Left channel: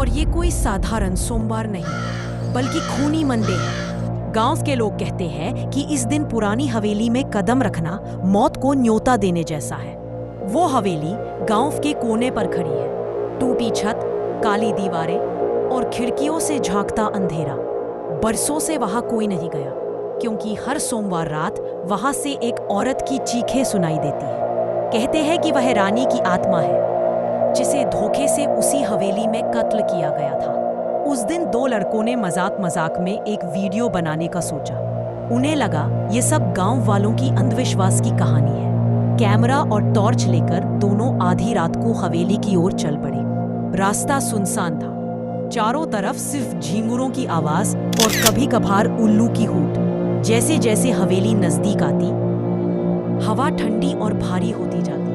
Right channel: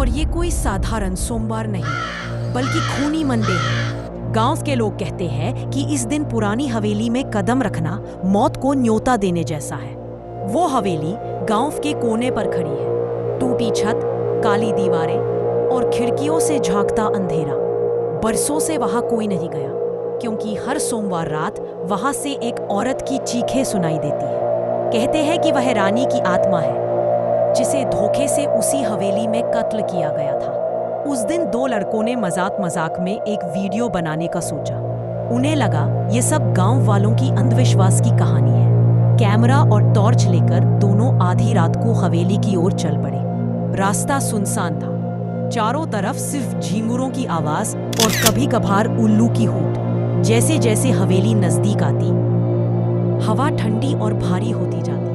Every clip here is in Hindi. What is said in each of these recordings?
और ये कोई साधारण सोमवार नहीं, बल्कि खूनी मंडे है। गांव के लोग कहते हैं कि इस दिन पुरानी हवेली में कदम रखना मौत को न्योता देने जैसा है। वो हवेली गांव के कोने पर खड़ी है, टूटी छत, काली दीवारें और खिड़कियों से झांकता अंधेरा। बरसों से वहां कोई नहीं गया, क्योंकि हर सोमवार रात वहां से एक औरत की चीखें सुनाई देती है। कहते हैं कि वह रानी की आत्मा है, जिसे धोखे से उसी हवेली में कत्ल किया गया था। उस दिन दो लड़कों ने मजाक मजाक में एक वीडियो बनाने का सोचा। उन्हें लगा ये सब गांव वालों की अंधविश्वास की कहानी है। कैमरा और टॉर्च लेकर दोनों आधी रात को हवेली की ओर चल पड़े। रास्ता सुनसान था, चारों तरफ सिर्फ झींगुरों की आवाज और कभी कभार उल्लू की हूट। जैसे जैसे हवेली नजदीक आती, हवा ठंडी और भारी होती जाती।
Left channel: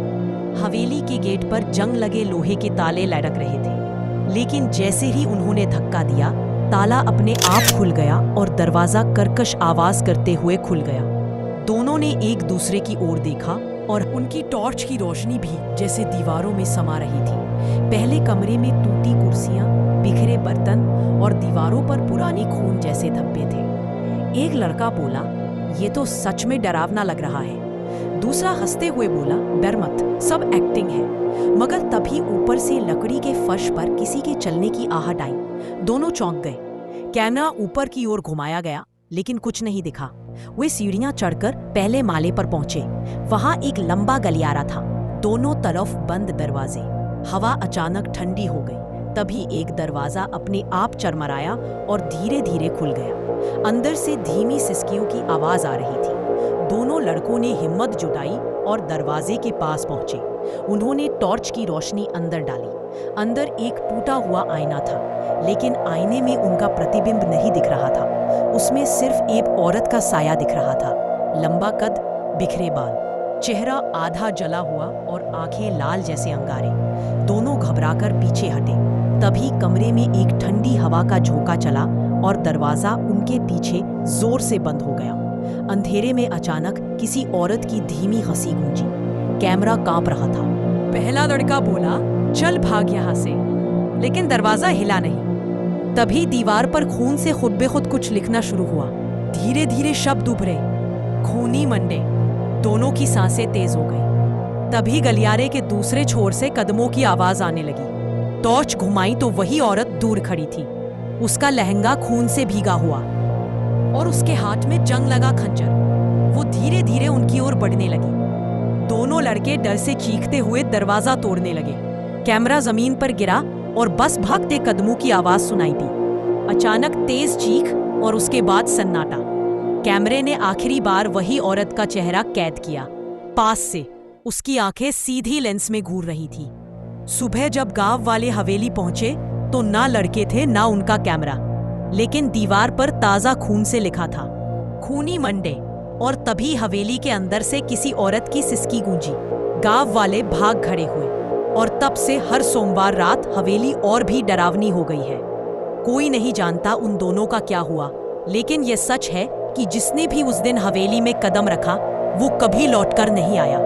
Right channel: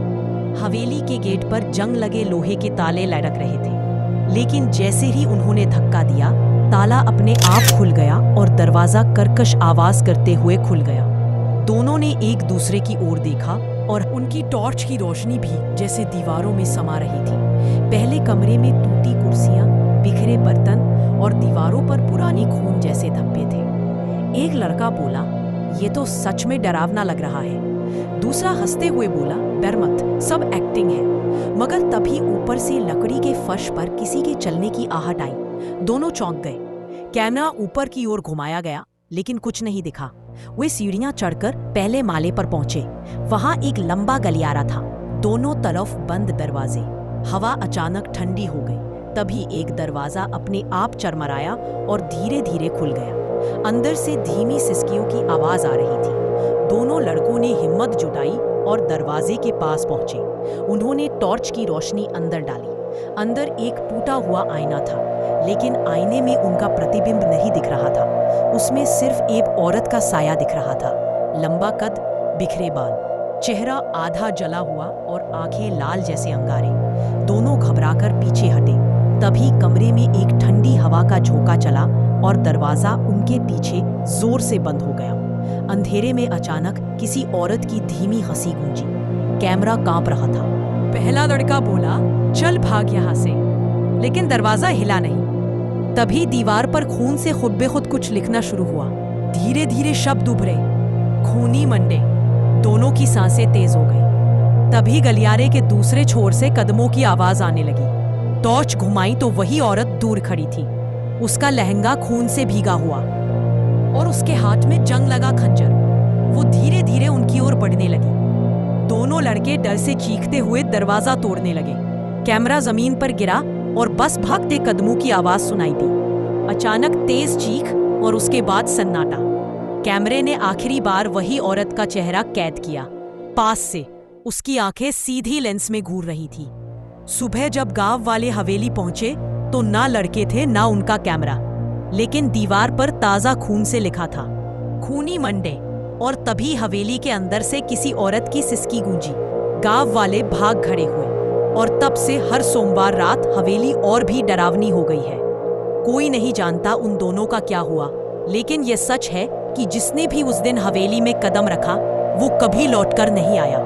हवेली के गेट पर जंग लगे लोहे के ताले लटक रहे थे, लेकिन जैसे ही उन्होंने धक्का दिया, ताला अपने आप खुल गया और दरवाजा कर्कश आवाज करते हुए खुल गया। दोनों ने एक दूसरे की ओर देखा और उनकी टॉर्च की रोशनी भी जैसे दीवारों में समा रही थी। पहले कमरे में टूटी कुर्सियां, बिखरे बर्तन और दीवारों पर पुरानी खून जैसे धब्बे थे। एक लड़का बोला, ये तो सच में डरावना लग रहा है। दूसरा हंसते हुए बोला, डर मत, सब एक्टिंग है। मगर तभी ऊपर से लकड़ी के फर्श पर किसी के चलने की आहट आई। दोनों चौंक गए। कैमरा ऊपर की ओर घुमाया गया, लेकिन कुछ नहीं दिखा। वे सीढ़ियां चढ़कर पहले माले पर पहुंचे। वहां एक लंबा गलियारा था, दोनों तरफ बंद दरवाजे। हवा अचानक ठंडी हो गई। तभी एक दरवाजा अपने आप चरमराया और धीरे धीरे खुल गया। अंदर से धीमी सिसकियों की आवाज आ रही थी। दोनों लड़कों ने हिम्मत जुटाई और दरवाजे के पास पहुंचे। उन्होंने टॉर्च की रोशनी अंदर डाली। अंदर एक टूटा हुआ आईना था, लेकिन आईने में उनका प्रतिबिंब नहीं दिख रहा था। उसमें सिर्फ एक औरत का साया दिख रहा था। लंबा कद, बिखरे बाल, चेहरा आधा जला हुआ और आंखें लाल जैसे अंगारे। दोनों घबराकर पीछे हटे। तभी कमरे में एक ठंडी हवा का झोंका चला और दरवाजा उनके पीछे जोर से बंद हो गया। अंधेरे में अचानक किसी औरत की धीमी हंसी गूंजी। कैमरा कांप रहा था। पहला लड़का बोला, चल भाग यहां से, लेकिन दरवाजा हिला नहीं। तभी दीवार पर खून से खुद बे खुद कुछ लिखना शुरू हुआ। धीरे धीरे शब्द उभरे, खूनी मंडे। दोनों की सांसें तेज हो गई। तभी गलियारे के दूसरे छोर से कदमों की आवाज आने लगी। टॉर्च घुमाई तो वही औरत दूर खड़ी थी। उसका लहंगा खून से भीगा हुआ और उसके हाथ में जंग लगा खंजर। वो धीरे धीरे उनकी ओर बढ़ने लगी। दोनों लड़के डर से चीखते हुए दरवाजा तोड़ने लगे। कैमरा जमीन पर गिरा और बस भागते कदमों की आवाज सुनाई दी। अचानक तेज चीख और उसके बाद सन्नाटा। कैमरे ने आखिरी बार वही औरत का चेहरा कैद किया, पास से। उसकी आंखें सीधी लेंस में घूर रही थी। सुबह जब गांव वाले हवेली पहुंचे तो ना लड़के थे ना उनका कैमरा, लेकिन दीवार पर ताजा खून से लिखा था, खूनी मंडे। और तभी हवेली के अंदर से किसी औरत की सिसकी गूंजी। गांव वाले भाग खड़े हुए और तब से हर सोमवार रात हवेली और भी डरावनी हो गई है। कोई नहीं जानता उन दोनों का क्या हुआ, लेकिन यह सच है कि जिसने भी उस दिन हवेली में कदम रखा वो कभी लौटकर नहीं आया।